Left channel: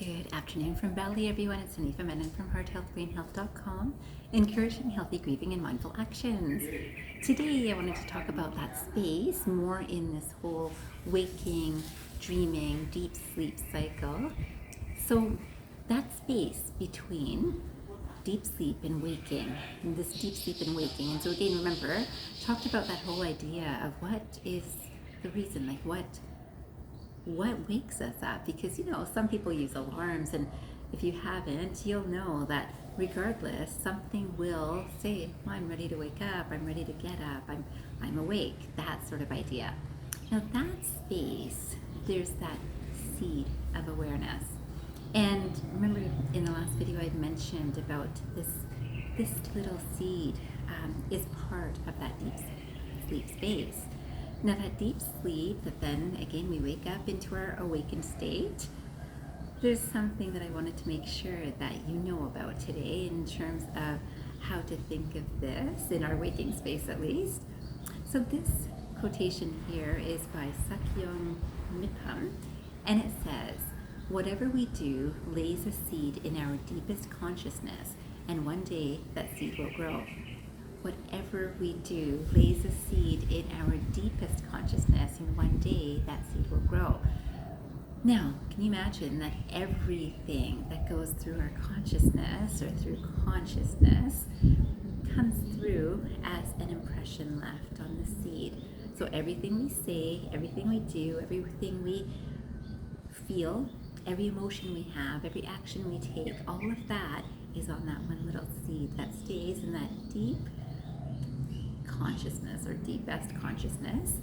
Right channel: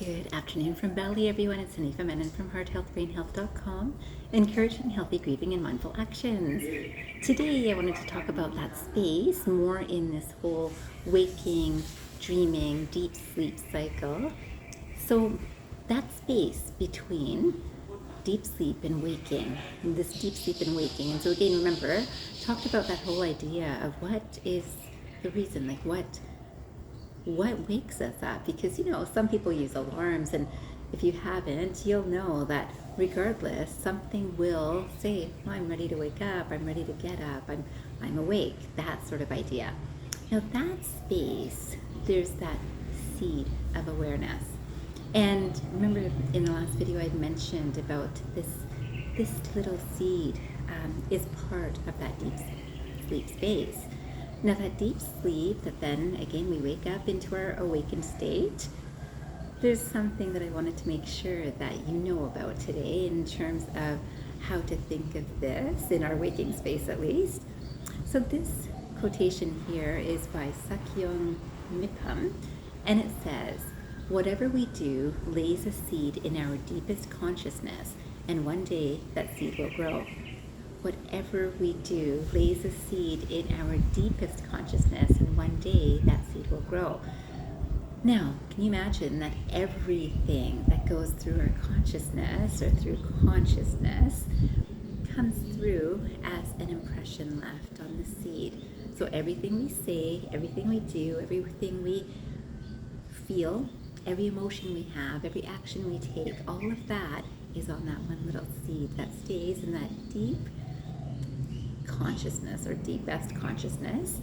Good afternoon from Bali, everyone. It's Anifa Menon from hearthealthbrainhealth.com, encouraging healthy grieving and mindful actions. Today, I wanted to talk about that space more in this whole waking, dreaming, deep sleep cycle. So, that space between deep sleep and waking, this deep sleep and waking. And so, again, remember, talked about that whole idea of what is the reason, like what wakes us up, because some people use alarms, and if you haven't, you'll know that regardless, something will say, I'm ready to wake up, I'm ready to get up, I'm awake, that sort of idea. Now that space, there's that seed of awareness. And remember in the last video I mentioned about this little seed is part of that deep sleep space. Now that deep sleep, that then again we wake up into our awakened state, there's something that I wanted to make sure that you know about today in terms of how to think of this in our waking space at least. So this quotation here is by Sakyong Mipham, and it says, "Whatever we do lays a seed in our deepest consciousness, and one day that seed will grow." Whatever we do lays a seed in our deepest consciousness, and one day that seed will grow. Now, can you imagine that everything that goes through our consciousness or through consciousness comes through as an impression left on the seed? So everything we say, everything we do, everything we feel, every emotion we have, every action we take, all of that is on that one little seed that stays in that deep consciousness or deepest consciousness,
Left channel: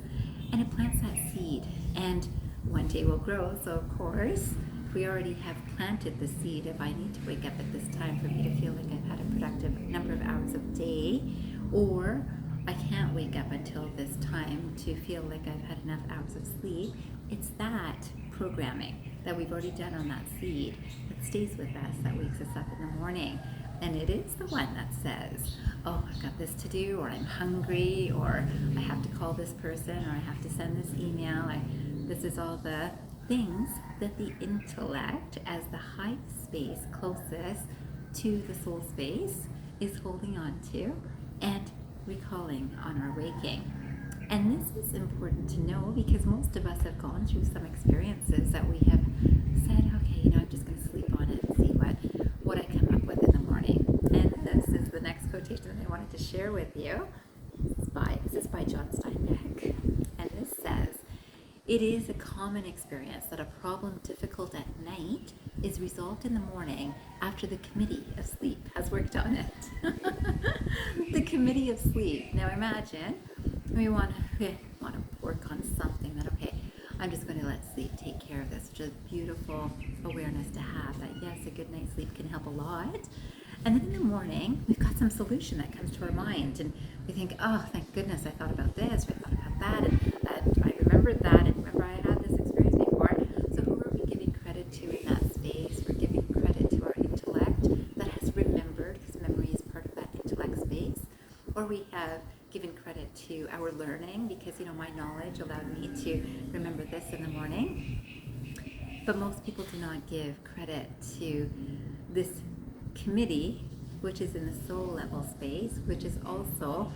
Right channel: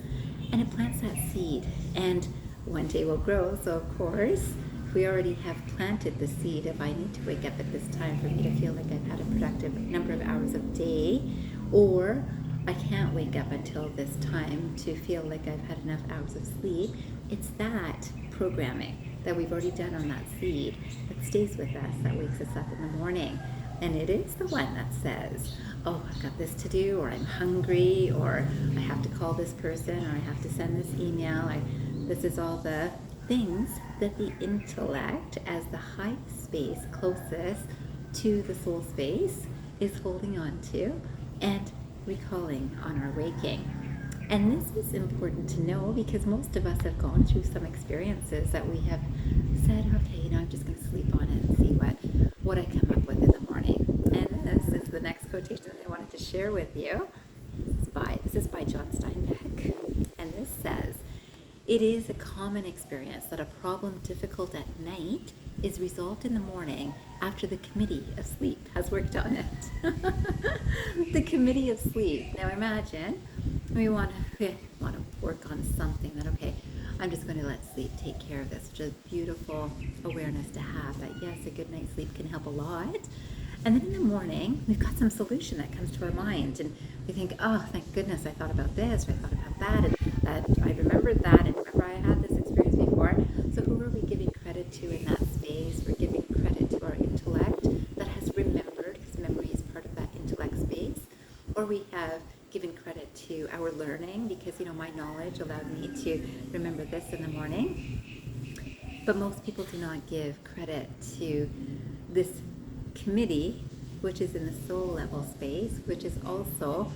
and it plants that seed, and one day will grow. So of course, if we already have planted the seed of I need to wake up at this time for me to feel like I've had a productive number of hours of day, or I can't wake up until this time to feel like I've had enough hours of sleep, it's that programming that we've already done on that seed that stays with us, that wakes us up in the morning. And it is the one that says, oh, I've got this to do, or I'm hungry, or I have to call this person, or I have to send this email. This is all the things that the intellect, as the high space closest to the soul space, is holding on to and recalling on our waking. And this is important to know because most of us have gone through some experiences that we have said, okay, I'm just going to sleep on it and see what I come up with in the morning. And this is the next quotation that I wanted to share with you. This is by John Steinbeck. And this says, "It is a common experience that a problem difficult at night is resolved in the morning after the committee of sleep has worked on it." The committee of sleep. Now imagine we want to work on something that, okay, I'm just going to let sleep take care of this. Just beautiful awareness to have that, yes, a good night's sleep can help a lot. And then in the morning, we've got some solution that comes to our mind, and we think, oh, thank goodness I thought about this, or I thought about that, and that I remembered that, and remember I had this experience before. So who are we giving credit to in that space? We're giving credit to our intellect that has remembered, because memory is part of that intellect space. Or we have given credit to our learning, because my knowledge allowed me to remember this in the morning. But most people do not give credit to this committee, which is in the soul level space, which is also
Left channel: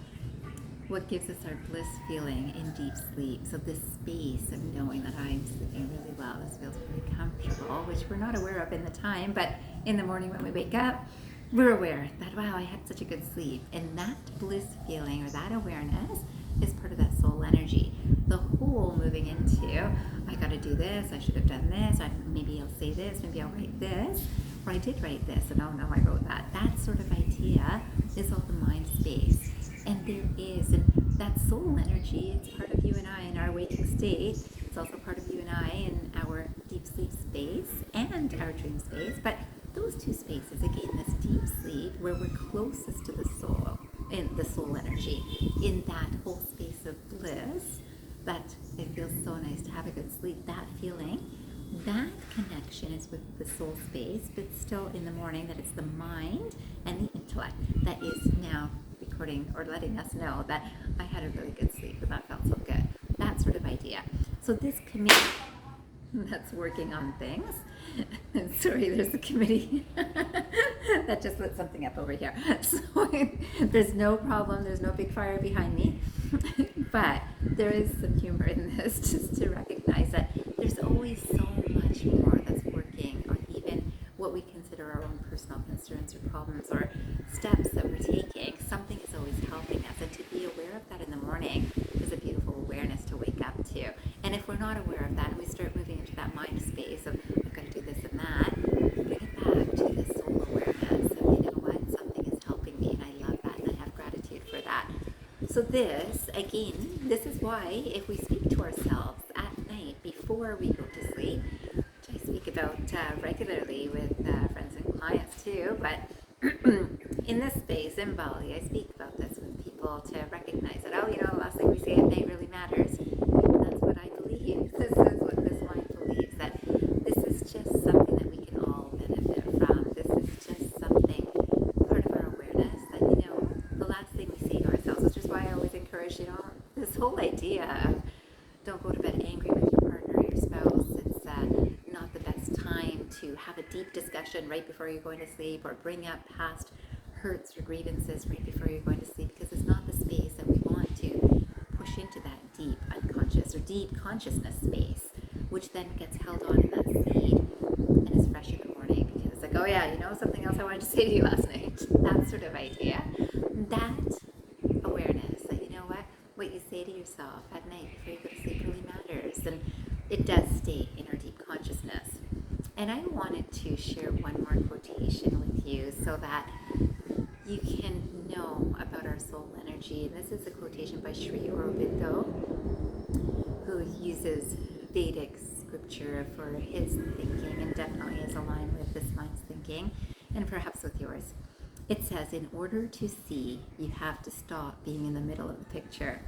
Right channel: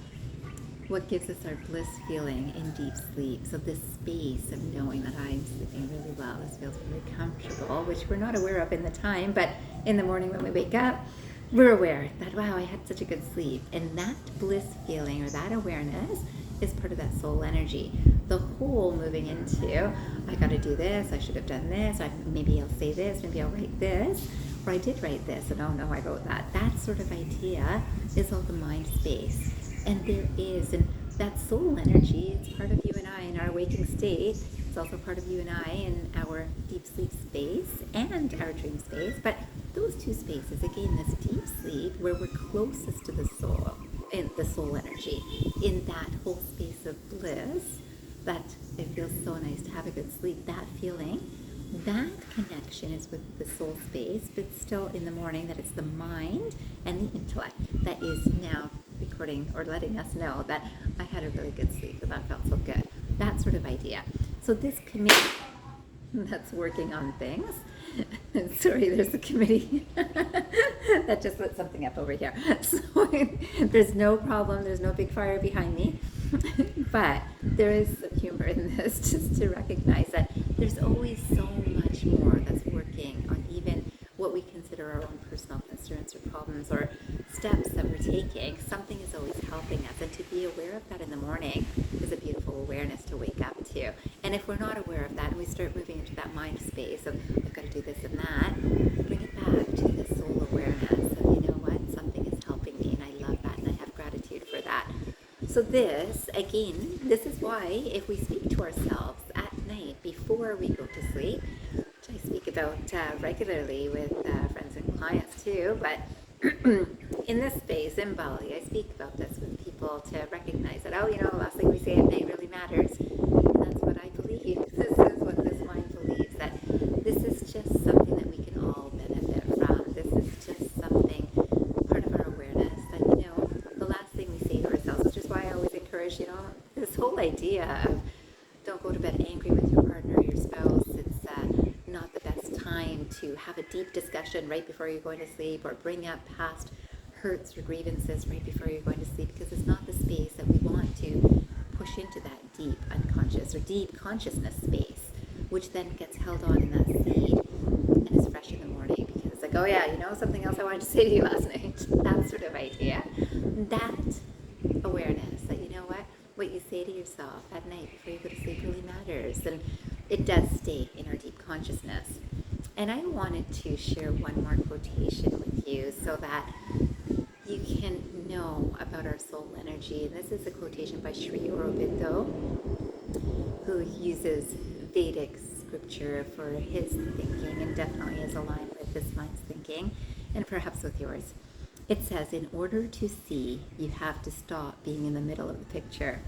what gives us our bliss feeling in deep sleep. So this space of knowing that I'm sleeping really well, this feels really comfortable, which we're not aware of in the time, but in the morning when we wake up, we're aware that, wow, I had such a good sleep. And that bliss feeling or that awareness is part of that soul energy. The whole moving into, I got to do this, I should have done this, maybe I'll say this, maybe I'll write this, or I did write this, and oh no, I wrote that. That sort of idea is all the mind space. And there is, and that soul energy, it's part of you and I in our waking state. It's also part of you and I in our deep sleep space and our dream space. But those two spaces, again, this deep sleep where we're closest to the soul, in the soul energy, in that whole space of bliss, that it feels so nice to have a good sleep, that feeling, that connection is with the soul space, but still in the morning that it's the mind and the intellect that is now recording or letting us know that I had a really good sleep and that felt so good. That sort of idea. So this committee that's working on things. Sorry, there's a committee that just lit something up over here. So there's no problem, there's no big fire behind me. But there is some humor in this, just to recognize that there's always so much more that's working on even what we consider our own personal concerns or problems or steps that we're taking. Something is always helping us, and to be aware of that in the morning is a beautiful awareness to wake up to. And if we're not aware of that and we start moving into that mind space of I've got to do this and that, bring it back to the soul awareness of, you know what, something is helping me, and I love that, and I have gratitude for that. So this, again, this is why if we speak to ourselves at night before we go to sleep, which I speak about regularly with friends and clients too, but in this space in Bali, I speak about this with people to recognize that, oh, you know, the last thing we say at night really matters. And that's what I believe. This is what this mind believes, that this is just something that we can all benefit from. This is just something, part of our awareness, that, you know, the last thing we say to ourselves, which is why I always encourage, you know, this whole idea of don't go to bed angry with your partner or your spouse. It's not the best time to have a deep discussion right before you're going to sleep, or bring up past hurts or grievances right before you're going to sleep, because it's not the space that we want to push into that deep unconscious or deep consciousness space, which then gets held on in that seed and is fresh in the morning, because it's like, oh yeah, you know, something else I wanted to say to you last night, that sort of idea. That awareness that, you know what you say to yourself at night before you go to sleep really matters, and it does stay in our deep consciousness. And I wanted to share one more quotation with you so that you can know about our soul energy. And this is a quotation by Sri Aurobindo, who uses Vedic scripture for his thinking, and definitely is aligned with this mind's thinking, and perhaps with yours. It says, in order to see, you have to stop being in the middle of the picture.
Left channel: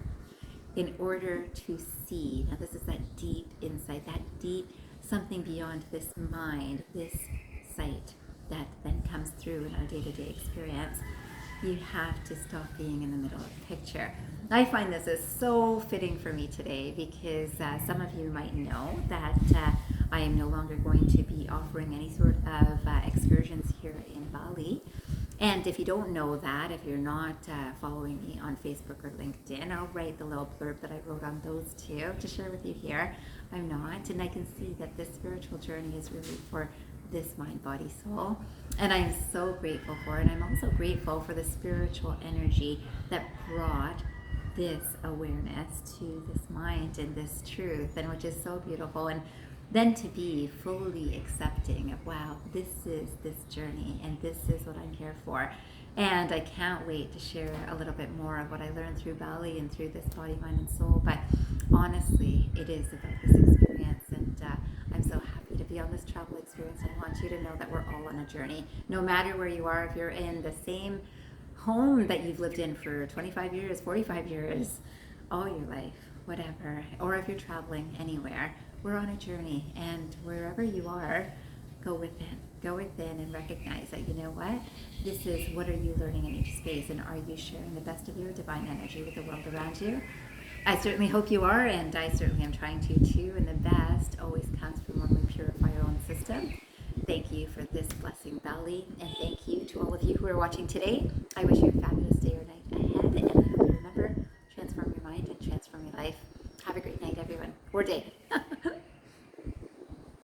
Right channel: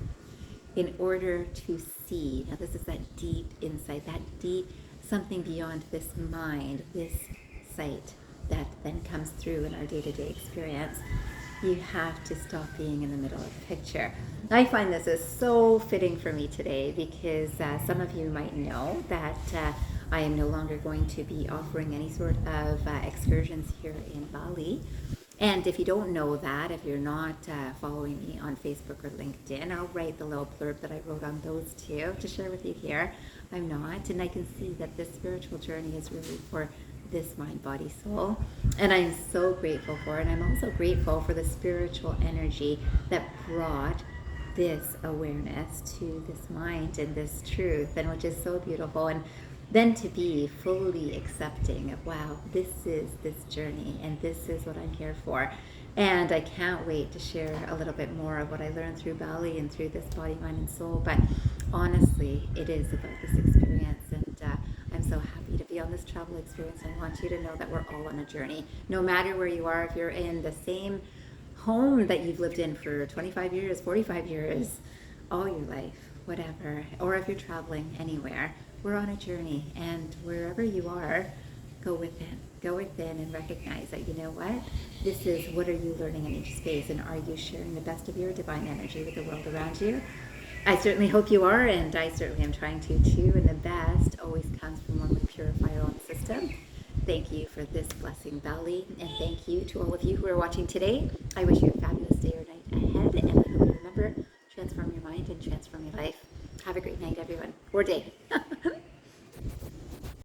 In order to see, now this is that deep insight, that deep something beyond this mind, this sight that then comes through in our day-to-day experience. You have to stop being in the middle of the picture. I find this is so fitting for me today, because some of you might know that I am no longer going to be offering any sort of excursions here in Bali. And if you don't know that, if you're not following me on Facebook or LinkedIn, I'll write the little blurb that I wrote on those too to share with you here. I'm not, and I can see that this spiritual journey is really for this mind, body, soul. And I'm so grateful for it. And I'm also grateful for the spiritual energy that brought this awareness to this mind and this truth, and which is so beautiful. And then to be fully accepting of, wow, this is this journey and this is what I'm here for. And I can't wait to share a little bit more of what I learned through Bali and through this body, mind, and soul. But honestly, it is about this experience, and I'm so happy to be on this travel experience. I want you to know that we're all on a journey. No matter where you are, if you're in the same home that you've lived in for 25 years, 45 years, all your life, whatever, or if you're traveling anywhere, we're on a journey, and wherever you are, go within and recognize that, you know what, this is, what are you learning in each space, and are you sharing the best of your divine energy with the world around you? I certainly hope you are, and I certainly am trying to too, and the best always comes from when we purify our own system. Thank you for this blessing, Bali, and thank you to all of you who are watching today. I wish you a fabulous day or night ahead, and I hope you remember, transform your mind and transform your life. Have a great night, everyone, or day.